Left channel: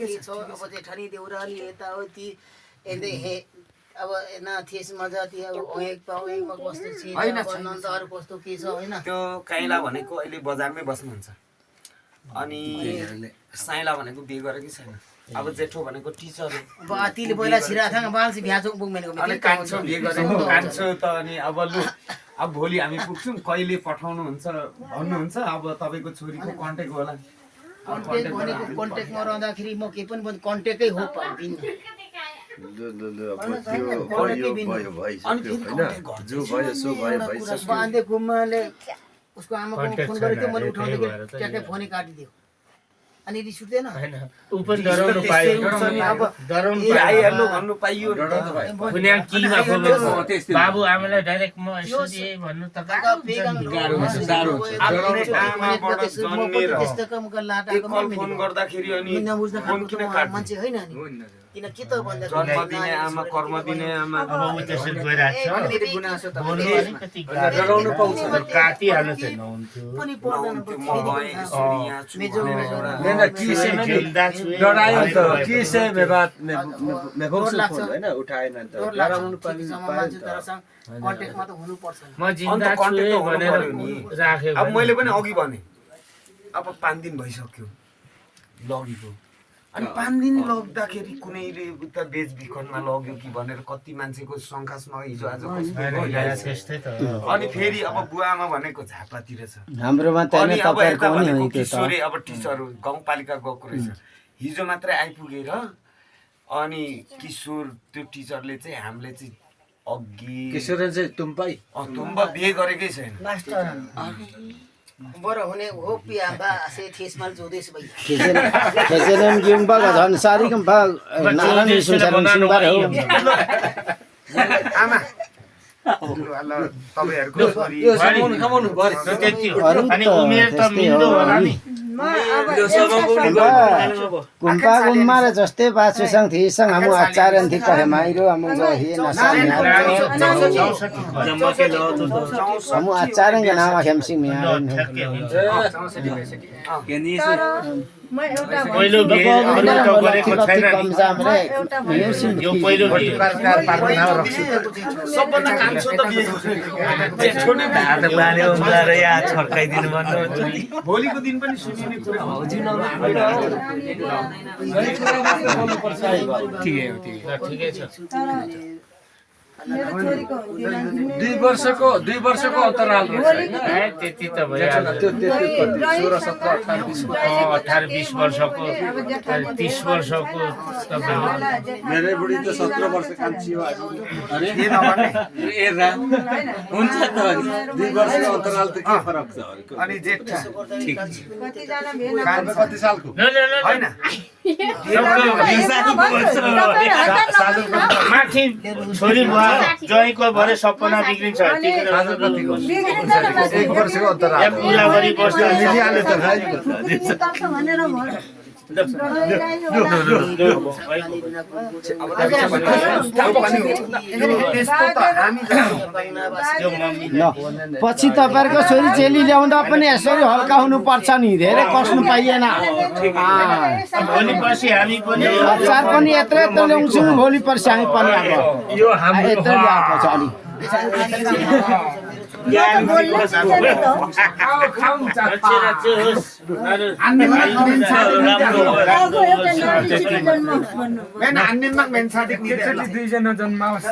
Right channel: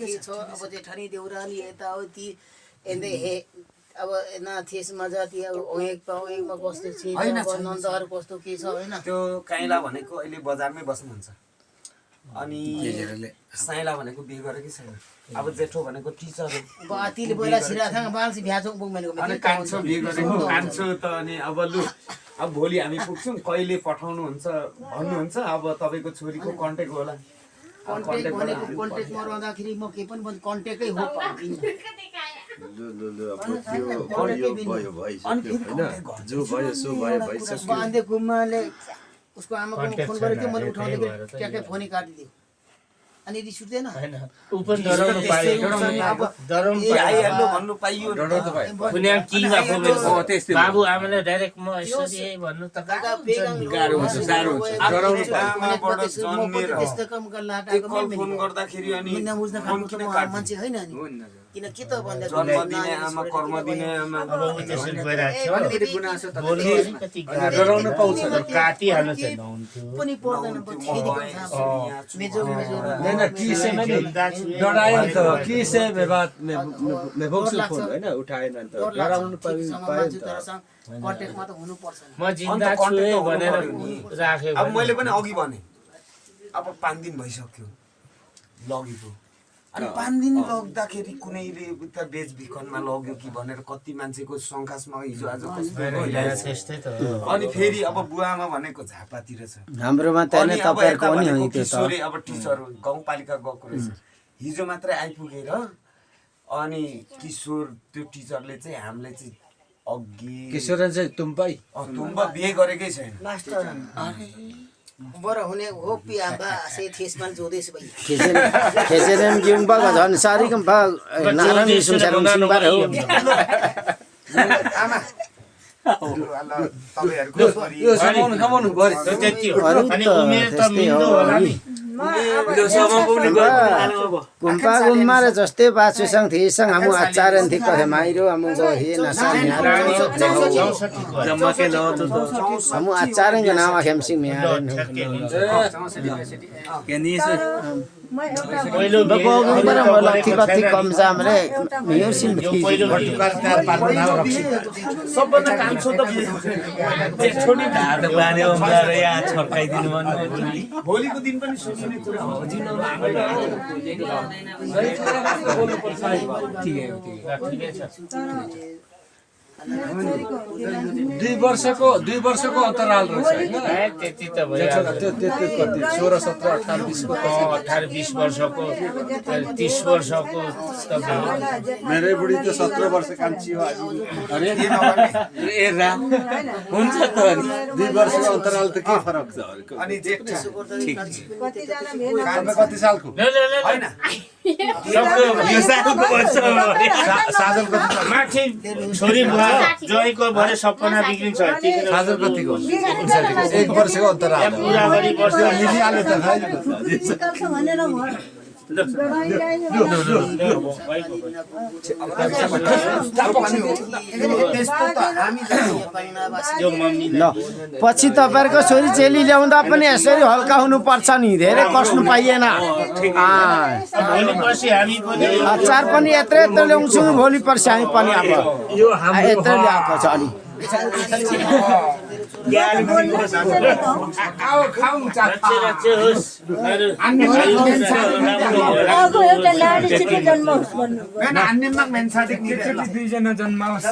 के छ अब जेठानी देउराली यताउति एन्दै हे अब न थिएसमा जति अब ओएकमा कस्तो छ नन्दहरू कस्तो के छ हैन त्यो काइला भनेको अहिले बजारमै बस्नुहुन्छ अनि साइला भनेको बिहे गरेकै छैन अब जेठो भनेको टिचर अब आतिले पहिला छिराथाङ बालसी भ्याचोक बुकमेनको अनि कान्छो बिहे गरेको कान्छो त अनि अब लु अब भोलि हामी पुग्छौँ कहिले पठाउनु हुन्छ भन्नुहुन्छ अब तपाईको छोरीको कन्ट्याक्ट होला कन्ट्याक्टमा रहँदाखेरि म के पनि कन्ट्याक्टै हो पाउँदिन बाँधे घुमले उसको आमाको फोन गरेको थियो मैले उठाउँदै ट्याक्कै फोनै काटिदियो अनि रिस उठ्दैन आइहाल्नु भन्नु पाइयो बाबु आमालाई डाइरेक्ट म यसो भन्नु त फोन गर्दाखेरि अनि मान्छे होइन नि किन के त भन्दा जन्म दिने आमा कर्म दिने आमा डराउनु पाउँछ काटिहाल्नु चाहिँ डरायो त के से मेबात हैन उठाएन त डराउनु पर्यो कन्ट्याक्टमा त हुनु पर्छ म जिन्दा छु भनेर राखे अब मैले पनि अघि भने अब 5 दिन भइसक्यो लगेको अनि 5 दिन लग्दाखेरि कुनैले उता बेचबिखनमा लग्यो कि भनेर कति मान्छेको शंकासमा हिजो आज अनि फेरि अब बुवामा भनेको झापातिर छ हाम्रोमा त हैन तपाईहरुको पनि हो त्यो त अब टिचर गाउँपालिका गएको रहेछ हिजो मात्रै आइपुगेर अनि किशोर त्यो टिचरले चाहिँ हामीले चाहिँ अघि किशोर चाहिँ तुम्पाई तुम्बा बिहे गरेकै छैन मास्टर बरा हुने हो पियाबा से थेसमाल जोदेश भई त्यसैले गिम्बा झन् सारी कम्पा नारायण सुनसारन सिंहबार हो आमा तपाईहरुको छोरी यो समाउनु पर्यो अनि उमेर त मिल्दो होला नि कुम्पा गुम्मार जस्तै बाछुसँग थिसँग हाम्रो आचार्य थि कहे माइरो हाम्रो जो हे नसानी हाम्रो आचार्य के नाम खेमसिङ म्यार पहिलो कति कम जाम रे यो पहिलो सबभन्दा कान्छो त बिहे जेठो नि हात बाले उम्ला र या छर्काइदिनु भन्नु भोलिको दिन पनि सुनिने कुरा हो ठिकै छ 2 वर्षको अन्तराल रहेछ हैन त्यति त भइहाल्छ त्यो 16 17 18 20 वर्षको 30 वर्षको त मेरो बुढी त 17 वर्ष कान्छी हो अरे ए राम हुन्छ त 2 वर्षको अन्तराल त के फरक छ अनि जेठ ठीक कति जना भेना कति सालको हैन माथि छोरी जोइको भरे सपना बिग्रिन्छ 1 वर्षको अन्तराल पुरा गरी बस्यो मिलिहाल्यो त भनेर पछि तपाईहरुको छोरी चेली ल्याउँदा पनि यसरी हल्का हुनु पर्छ नि धेरै कष्ट पाइएन भोलि पर्सि हामी पनि अचार पनि यत्रै ल्याउँछु भोलि पर्सि हामी पनि अब यो हाम्रो यत्रै ल्याएको छ अलि दुईजना जन्माओस्